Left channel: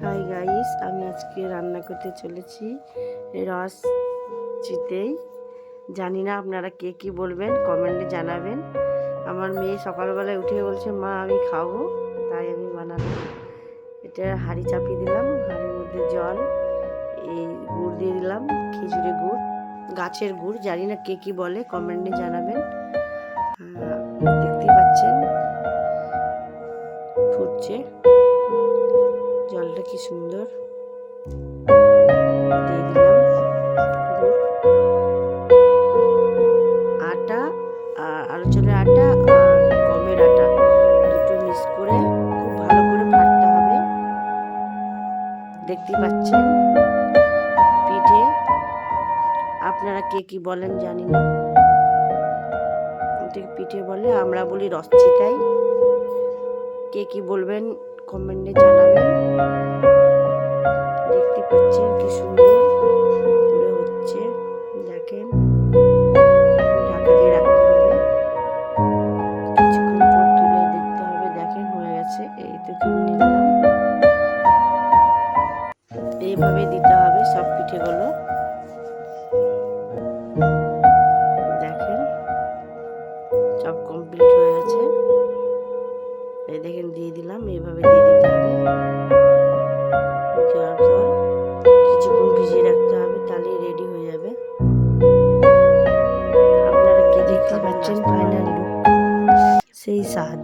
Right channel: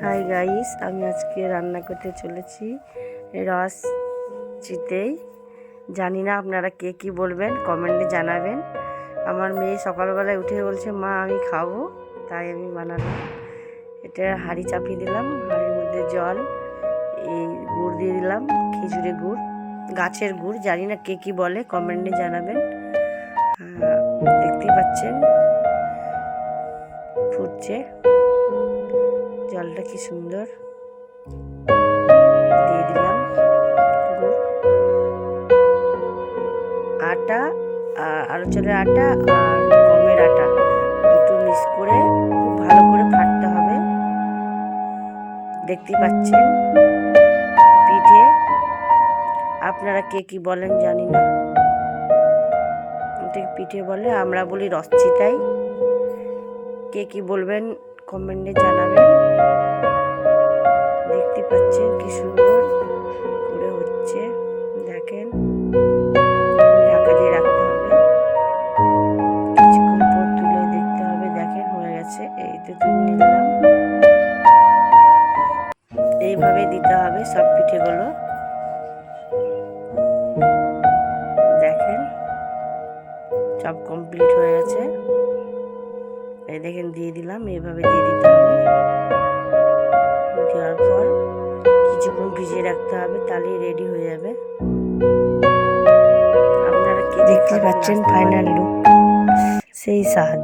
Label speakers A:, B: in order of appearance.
A: Hi guys আমি আজকে রান্না করতে চলেছি রস চিতেই জানি না আপনারা কে কি বলবেন কমেন্টে জানাবেন। আমার মেয়ে সকালবেলায় উঠে বলছে, মা, আমি খাব। তাই আমি বানালাম। এটা হাঁড়ি চাপিয়ে দিলাম, হাঁড়ির মধ্যে জল, এই গুড় দিয়ে দিলাম, খেজুরে গুড়, গাছের গুড়। জানি না কে কি বলে কমেন্টে জানাবেন। দেখতেই পাচ্ছেন, ফুটছে। জলটা কি সুন্দর? দিয়ে দিলাম আটা আর আলু চালের আটা আর গমের আটা। দুটো মিক্স করে খুব ভালো করে ফাটতে হবে। দেখতেই পাচ্ছেন পিঠে। আপনারা কে কি বলেন জানি না। পিঠে বলে, আমরা বলি রসচিতাই কে কি বলবেন কমেন্টে জানাবেন। দেখতে পাচ্ছেন কি সুন্দর করে হচ্ছে। দেখেন, ঢাকা দিয়ে রাখতে হবে। কিছুক্ষণ পর তুলে দেখতে হবে। দেখেন, হয়ে গেছে। এই তো তুলে নিলাম। এইভাবে দিতে হবে সব পিঠেগুলো। দেখেন, সব কমপ্লিট হয়ে গেছে। এই দেখেন দিয়ে দিলাম এইভাবে দিয়ে দিতে হবে। দেওয়ার পর কিছুক্ষণ ভিজিয়ে রাখতে হবে তাহলেই রেডি হয়ে যাবে। আপনারা কি দেখতে পাচ্ছেন ফাইনাল লুক সেই স্বাদ।